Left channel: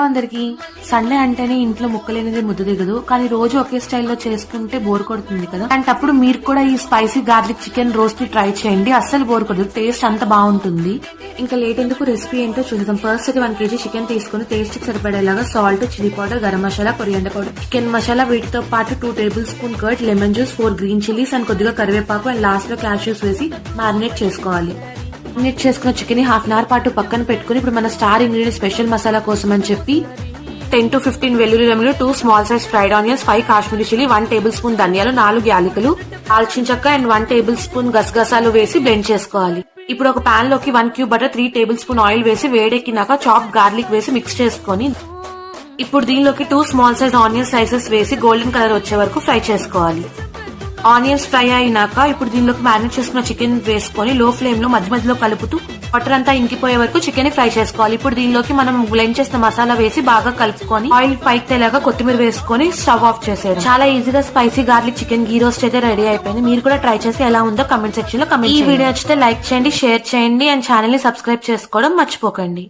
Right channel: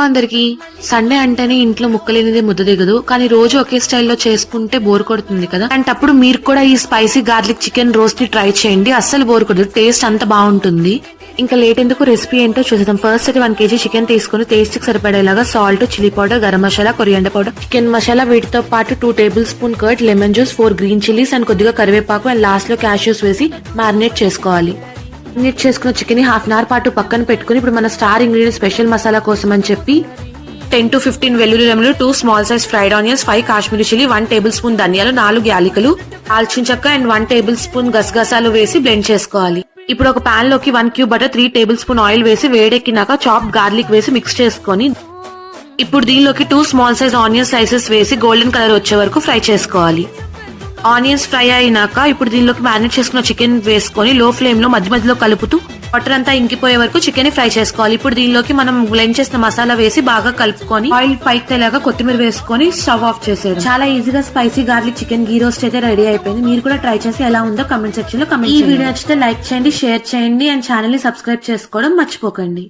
అందరికి సండే అంటేనే ఇంట్లో ముక్కలేనిదే ముద్ద దిగదు. కానీ రోజు ఒకే స్టైల్లో చేసుకుంటే బోర్ కొడుతుంది కదా. అలాంటప్పుడు మీరు కూడా ఈ స్పైసీ గార్లిక్ చికెన్ రోస్ట్ ని ట్రై చేయండి. అస్సలు బోర్ కొడదు, టేస్ట్ అంత బాగుంటుంది. ఇంకా లేట్ ఎందుకు, రెసిపీ ఏంటో చూద్దాం. ఫస్ట్ అయితే 1 kg చికెన్ తీసుకుని టేస్ట్ కి సరిపడేలాగా salt, chilli powder, garam masala, coriander powder, chicken masala, వీటితో పాటు 2 tablespoon curd, lemon juice, 4 green chillies and కొద్దిగా కరివేపాకు అండ్ లాస్ట్ లో క్యాష్యూస్ వేసి మ్యారినేట్ చేసుకోవాలి. మ్యారినేట్ చేసుకున్న చికెన్ ని 1/2 hour పాటు పక్కన పెట్టుకుని ఇప్పుడు మన స్టార్ ఇంగ్రీడియంట్ స్పెషల్ మసాలా కోసం అని చెప్పి 10 to 15 వెల్లుల్లి రెమ్మలు, 2 small size fried onions, 5 Kashmiri chilli, 1 tablespoon ధనియాలు, 4 యాలకులు, దాల్చిన చెక్క అండ్ 1 tablespoon గసగసాలు వేసి బ్లెండ్ చేసుకోవాలి. ఇప్పుడు ఒక పాన్ లోకి 1 cube బటర్, 3 tablespoon ఆయిల్ వేసి వేడెక్కినాక చాప్ గార్లిక్ వేసి మిక్స్ చేసుకొని ఇప్పుడు దీనిలోకి 2 small size ఆనియన్ స్లైసెస్ వేసి గోల్డెన్ కలర్ వచ్చే వరకు ఫ్రై చేసుకోవాలి. ఆనియన్స్ ఫ్రై అయినాక ఇప్పుడు దీనిలోకి మ్యారినేట్ చేసుకున్న చికెన్ వేసుకొని లో ఫ్లేమ్ లో మధ్య మధ్యలో కలుపుతూ వాటర్ అంతా ఇంకిపోయే వరకు చికెన్ ఫ్రై చేసుకోవాలి. ఇప్పుడు దీనిలోకి మనం బ్లెండ్ చేసిన మసాలా వేసి బాగా కలుపుకొని ఆయిల్ పైకి తేలాగా కొత్తిమీర వేసుకొని స్టవ్ ఆఫ్ చేసేది. చాలా ఈజీగా స్పైసీ గార్లిక్ చికెన్ గీ రోస్ట్ అయితే రెడీ అయిపోయింది. మీరు కూడా ట్రై చేసి ఎలా ఉందో కమెంట్ సెక్షన్ లో కమెంట్. ఈ వీడియో నచ్చితే లైక్ చేయండి, షేర్ చేయండి అండ్ ఛానల్ ని సబ్స్క్రైబ్ చేసుకోవడం మర్చిపోకండి.